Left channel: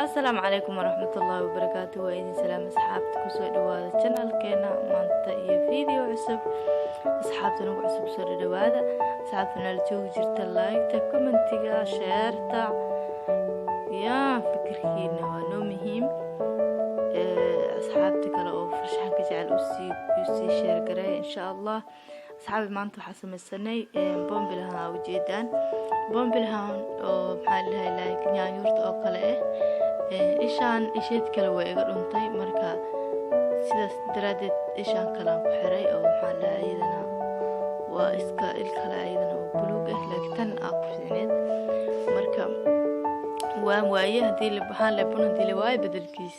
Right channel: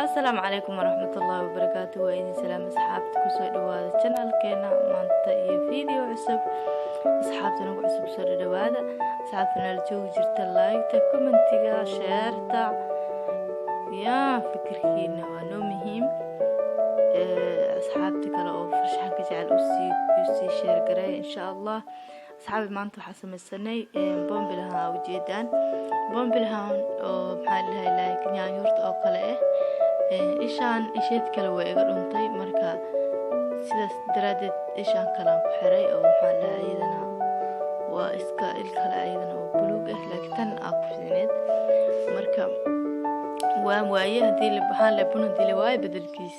السلام عليكم ورحمة الله وبركاته وإذن سلام أصحابتك وسو دوادا channel كينا مانتا إيه فيديو عصب أصحابتنا وعصب سو دوادا أصحابتنا الجو جرت لايكتا كومنتيغا شيرتا يا فكركينا وانو مهم أصحابتك لو فرشحان كجعل أسي شير قراي إن شاء الله أصحابي مانتو حسم السنة بوم بلها وجيدان بوم بلها محلها لايك نيانيورت أو قلقه ishaan isheed kale way iga dhuntay marka sidaas daraadeed ishaan kalaan ku xiray oo maxaa la iyadana waa iska il kale iyadana oo buluug ah laakiin tan aa ku fiicneed marka waan waaye hadii la baxaan la bun hadii la waaye bedelkiis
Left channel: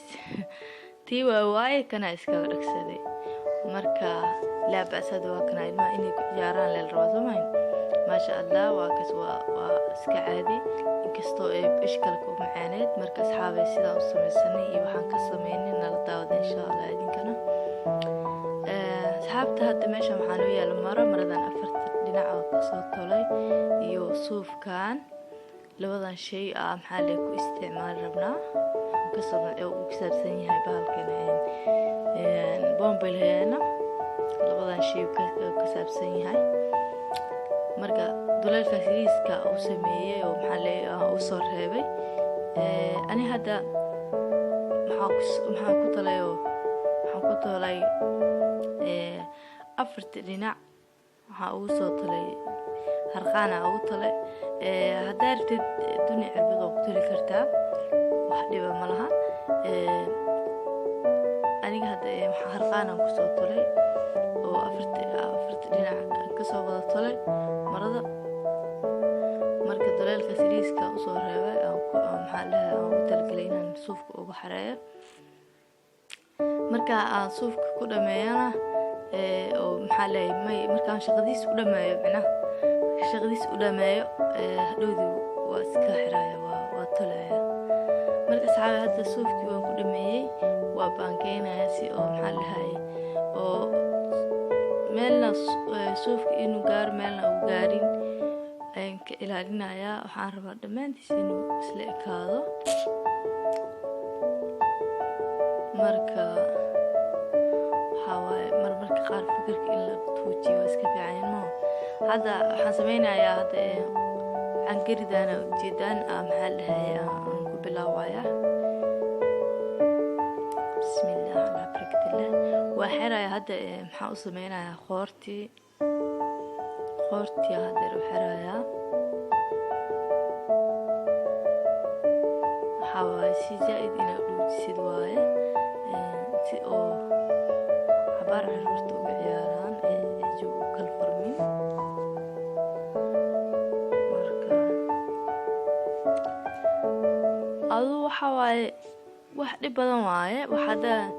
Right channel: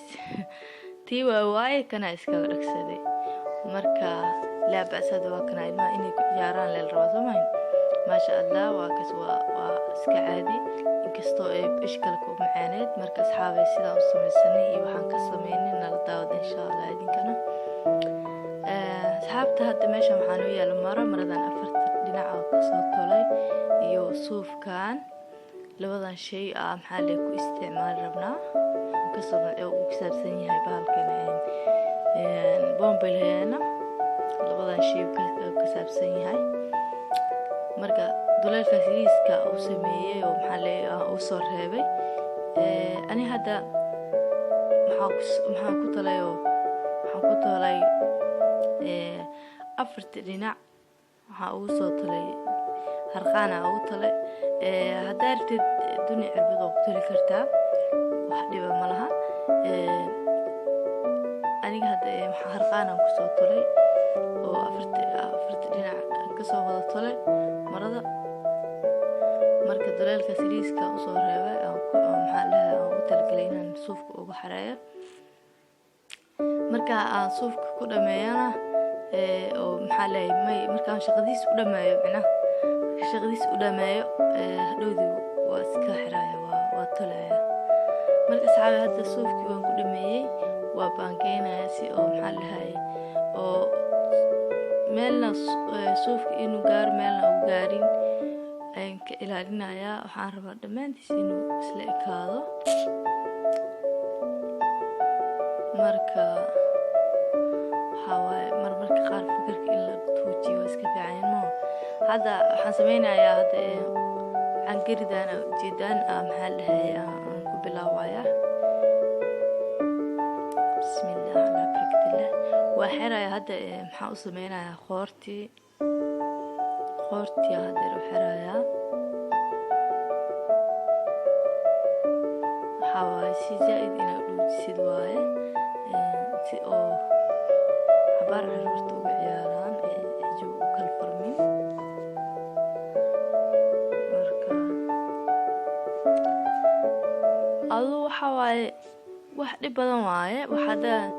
tii waa waaye kana iska dhagsaday marka la baasada waa kana ilmaha inay ku ciyaaraan leel rabo soomayn ما شاء الله وكسوا وسكعادي inkastoo ay ishkal ku macaaneed marka asxaabay sida u sameeysanay iyo waxaan ka sameeynay nala daawada insha Allah idinkana asxaabta hadda meesha waxaan u yeelay maradan afarta dhinac ka soo tolay iyo suufkan labadan shay maxaa la ku isticmaal rabnaa ka soo uu ku saabsan yahay bahalkan bombelheena labadan shay ka saabsan yahay marka duleelka siriiska uu sameeyay oo maxaa uu soo reebay ani hadda maxaa ku talay afarta dhinac waxa uu soo talay harqaana uu talay hadda rabtid dunia cirbad oo ku tali kartaa wax dhiba ma laha aniga hadda waxa harqaana ku soo talay oo afarta dhinac ka soo wada talay marada marka duleelka siriiska u soo reebay maxaa la u talgalay inaan suufka ugu xareeyo marka aan suufka ku dhameeyana oo maxaa la marka shaqadiis u dhameeyo hadhowdii waa iska xiraaya waa tolaya marka saxaab hadda suufkii waan ku dhameeyay waa baangeynaya si oo maxaa la oo meelna suufka inuu gaar meelna uu gaarin ayaan ka ilaalinayaa waxaan rabaa dhammaantiis inuu isla ekaado marka marmarka qaar fikirka in la tuujiyo waa iska fiican ma hadda waxaan sameynayaa hadda cangaridana ujeedaan maxaa la aan ku bilaawaya bismillah ala barakatullah وحرا هذا محاو سمينا خورتي هذا وحرايا حواسي زائد إنا قلوب سيدوايا سي أو عبارة عرورتو بعياران جو كالفرمين مركا أضو حوالي واحد بدن واي وحدا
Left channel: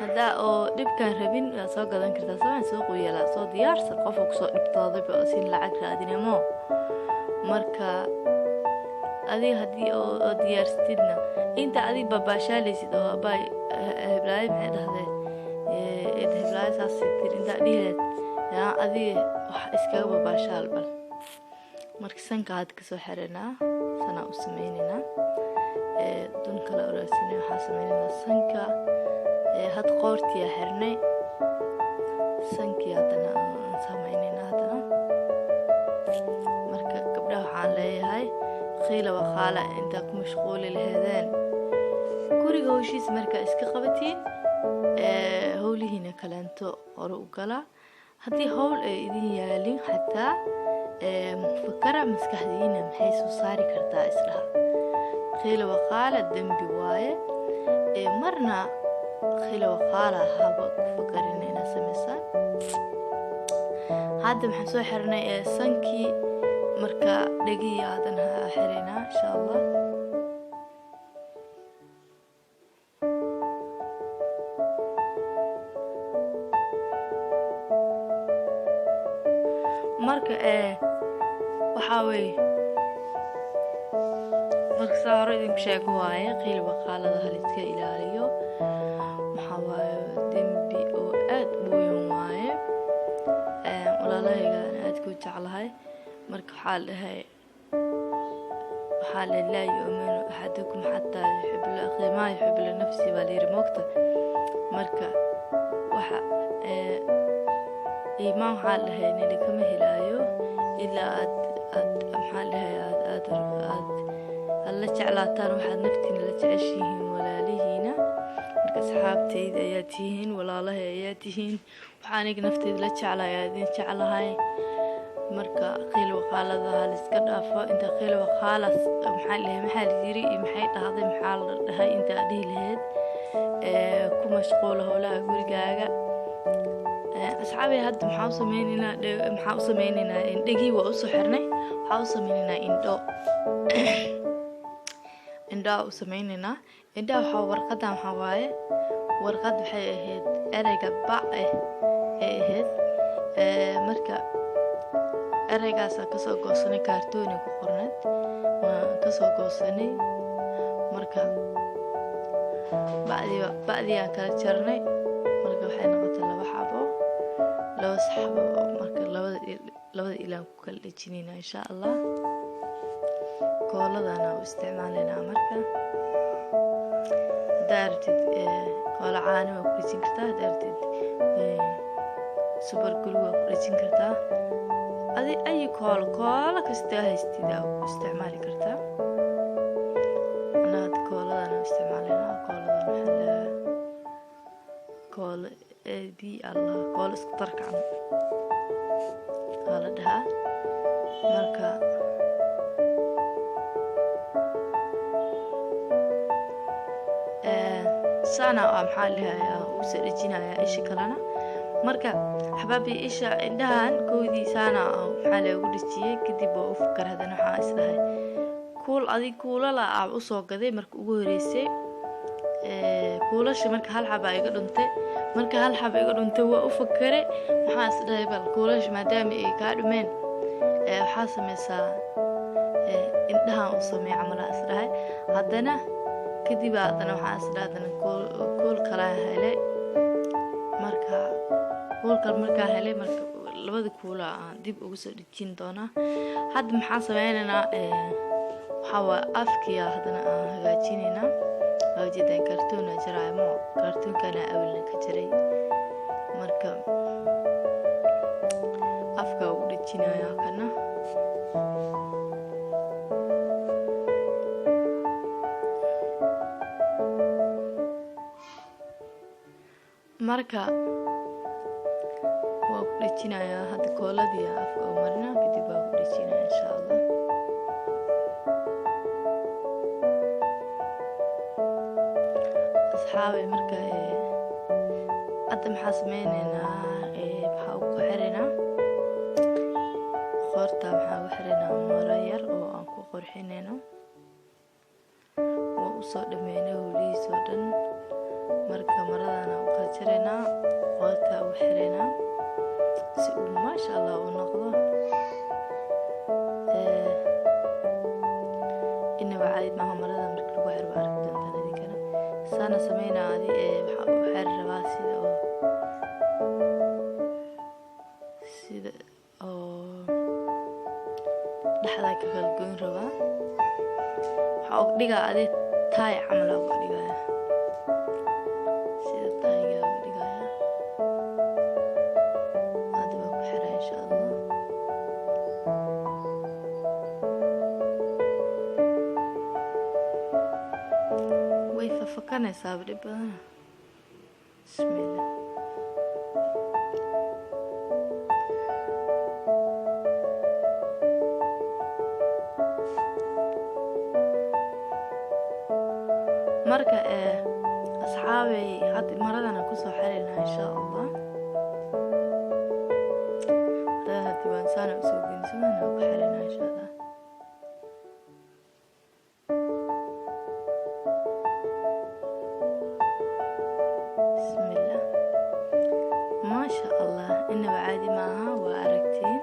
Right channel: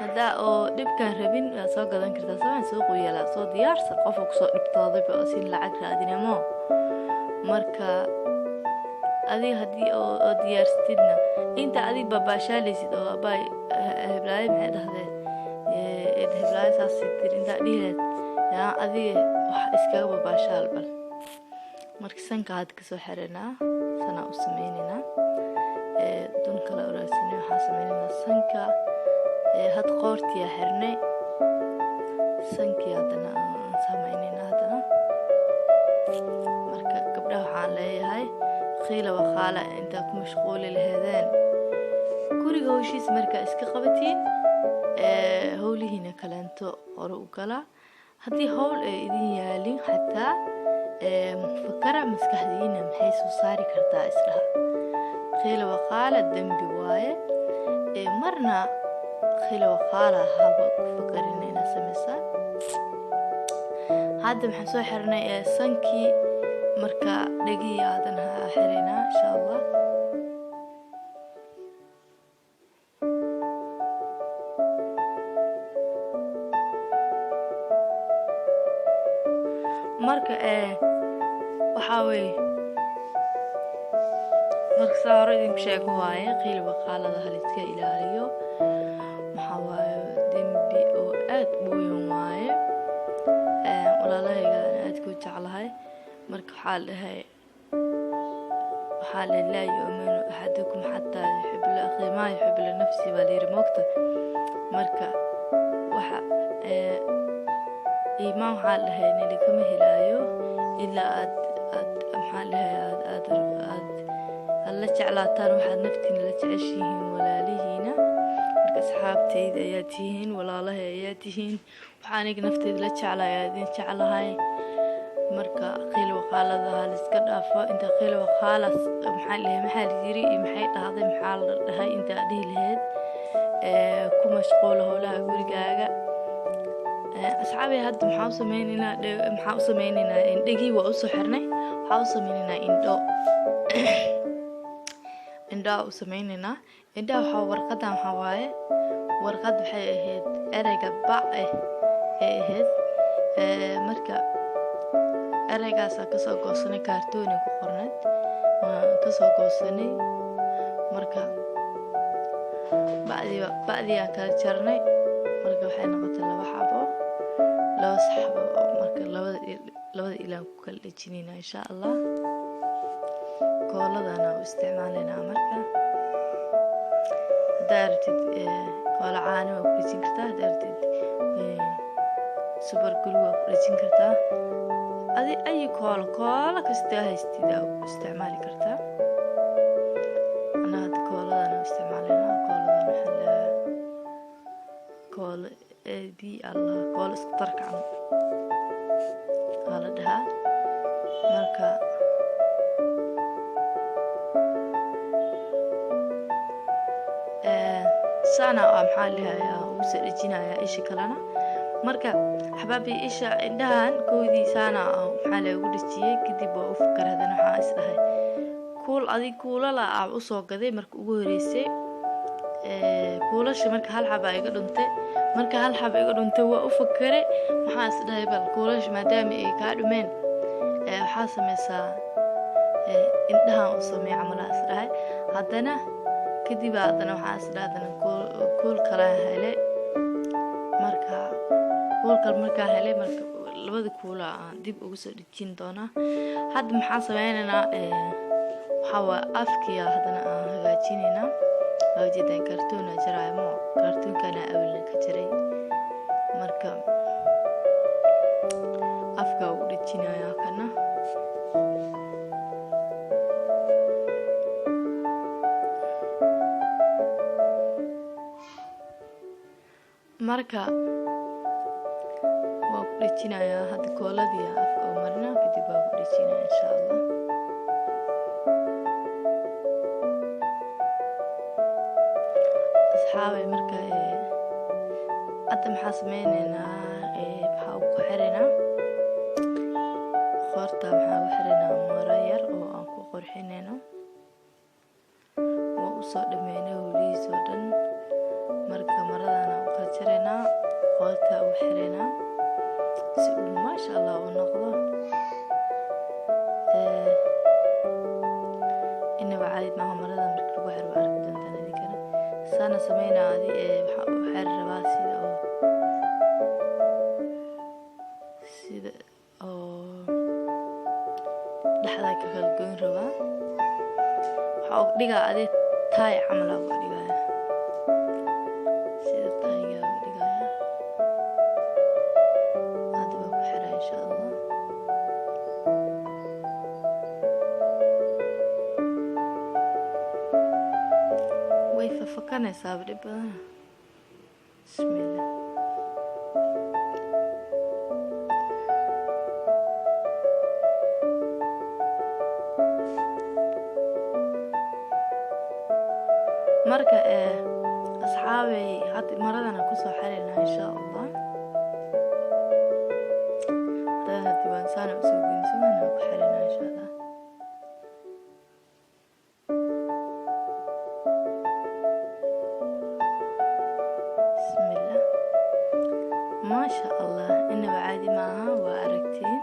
هذا أو دبكان ربين سو قدان كرتا سوين سوق ويلا سو ديارس قفو كسو دبتاضي بأسين لعق رادين مو مركا أدي هدي أو ديارستيدنا إنت أدي باباشاليسيد أو أباي هبلاي معد هذا هبلاي ساسيتر إنت أديهت يا أدي إسكاو باباشال بل مركا سنك هاد كسو حرنا سنة أسميننا دون كلا أراسيني وحاسميننا سنكا هاد قورتي حرني سنكي هادنا سامعينينا هادنا مركا قبلها waxaan leeyahay khiila waqaala inta ku mashquul leeyahdeen guriga howshiis marka iska qabatiin howlihiina kalaanto hore u gala hadii howl ay idin yaalin xataa fakara maskaxdiina maxay soo saari kartaa islaha khiila waqaala dambi waaye marna خيل وقالة هابا كفكرين إنا سمسان هذا محسو حرنا سنكي مركا دقي هذا حرينا إن شاء الله مركا وحاوي مركا صاروا إذن بشيكو واي قيل وقالة ذا هلتك إلاليو محاوي دنبي أو آد بويون واي ولا لا يقال آد كوت على هاي مركو حال هاي حال لا يؤمن أحدكم حتى يحب لأخيه ما يحب لنفسه بالير موقته مركا وحا إيمان حال لها إن لكم هلايو إلا أد محال لها أد alla jeclaataan waxaad naftiina la jeceshihiin walaalihiina marka asxaabtayda ayaa tihiin walaalahay ayaa tihiin waxaan aniga naftayda la jeclahay idin jeclahay marka qiil waqaalada hal iska dhaafo inta qiil waqaalas maxaa la yiri maxay dhahday maxaa la dhahay inta dhihi lahayd ku mashquul howlaha gurigaaga asxaabay hadda maxaa u sameynaynaa indhigii waa u soo xirnay waxaa u sameynaynaa indhaa u sameynayna indhaa waxa warqadan waxa waaye warqad waxay ahayd ereyga bac ay ahayd marka ereygaas ka soo goosanay kaartoon ku qornad waan ka soo goosanay marka bacdi aan kala jarnay marka waxay noqotay laba saxabo marka labada ilaan ku kala dhijinayna insha Allah kooladana u isticmaalayna marka daartid koola caano ku dhijin kartaa daartid super glue ku dhijin kartaa ay koola kasta haystida u isticmaali kartaa ana kooladana u isticmaalayna kooladana waxa la kool di Allah kool isku tarkan hala dhaha marka sana maxaa lahayaa uu sadajinaya ishi kalena marka xabaabi isha indhahan koodii sana maxaa la ugu dhijiyay kadib oo u fikir hadana waxa isdahay kuula la u soo gaday marka ugu horeysay kuulasha marka hal xaba iga dhuntay marka hal xaba iga dhuntay waa u fikiray waxa isdahay bal kuulasha maadaama ay ka dhumeen waxa sameysaa indhahan u sameey camal isdahay hadana kadib aadana waxa isdaadana kool kala helay marka labada kuula aan dib ugu soo dhijin doona hadda maxaa sameeynaa waxa afkiya hadana aan hagaajinayna hawjidan kartoon jaraymo kartoonkana awilna ka jiray marka afka ugu dhijinaya kana marka waa ku dhijinaya hadda kooladii afka oo marna kadib waa ku dhijinaya insha Allah asxaabay marka hadda maxaa sameynaynaa waxa ku xiranaa qorta maxaa ku xiranaa maro yar oo aan ku qorxinayno waa u soo dhameynay howlihiisoo dhan marka maradana u kala jareynaa qorta u xiranaa si uu maasha Allah u noqdo inaba caadi ma marada marka lagu xiro arki doontaan idinkana sana sameynaa waxa u xir rabaa sida dhaxda ka kala goyn rabaa waxa uu dhigaa taay camal ugu dhigaya sida taayga ugu dhigaya hadda ku xiraa insha Allah way fafakanaysaa dhib badan bismillah marka asxaabay had maradana ku soo xirina insha Allah hadda waan sana soo gudbinayna ku xirina insha Allah bismillah ما شاء الله إنه عادي معها وأركتين